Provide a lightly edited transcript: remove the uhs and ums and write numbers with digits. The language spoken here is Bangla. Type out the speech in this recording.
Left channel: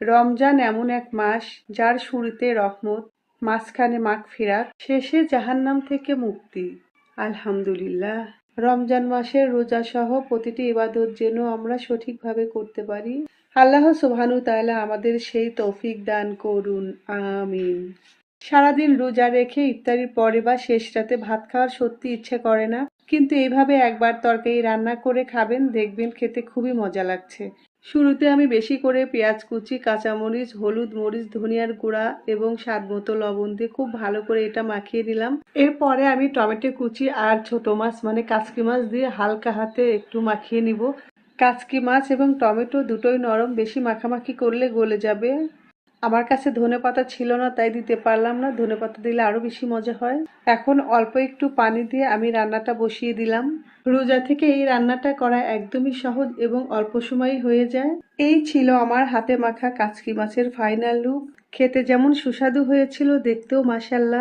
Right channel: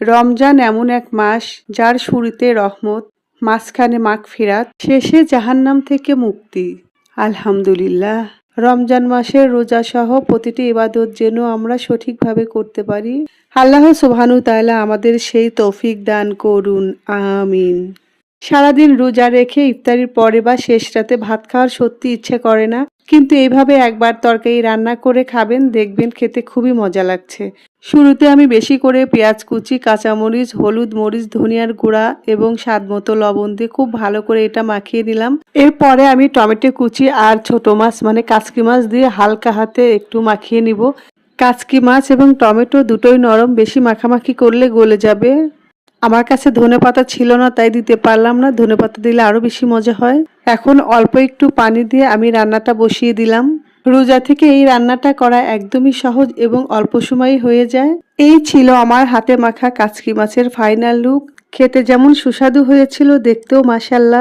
রমজান এমন এক মাস যার শুরুতে রহমত, মাঝখানে মাগফিরাত, শেষে জাহান্নাম থেকে মুক্তি। আলহামদুলিল্লাহ। রমজান মাসের রোজা সহ প্রতিটি ইবাদত যেন আমরা সঠিকভাবে করতে পারি। আল্লাহ সুবহানাহু তাআলা আমাদের সেই তৌফিক দান করুন, আমিন। সারাদিন রোজা রেখে ইফতারির পরে বা শেষ রাতে ভাত খাওয়ার সত্যি ইচ্ছে করে না, কিন্তু এইভাবে একবার তরকারি রান্না করে খাবেন, দেখবেন খেতে খুবই মজা লাগছে। শুরুতে আমি বেশি করে পেঁয়াজ কুচি, কাঁচামরিচ, হলুদ, মরিচ, ধনিয়ার গুঁড়া এবং স্বাদমতো লবণ দিয়ে খুব ভালো করে এটা মাখিয়ে নিলাম। এরপরে আমি টমেটো কুচি আর ছোট মাছ মানে কাচকি মাছ দিয়ে হালকা হাতে একটু মাখিয়ে নিব। কাচকি মাছ এবং টমেটো দুটোই নরম, বেশি মাখামাখি করলে গলে যাবে। আমার কাছে ধনেপাতা ছিল না, তাই দিতে পারলাম না। ধনেপাতা দিলে আরো বেশি মজা হয়। এখন অল্প একটু পানি দিয়ে আমি রান্নাটা বসিয়ে দিলাম। রোজা থেকে এই রান্নাটা করা একদমই সহজ এবং অল্প সময়ে হয়ে যায়। এই ছিল আমার হাতে মাখা কাচকি মাছের ফাইনাল লুক। খেতে যেমন সুস্বাদু হয়েছিল, দেখতেও মাশাআল্লাহ।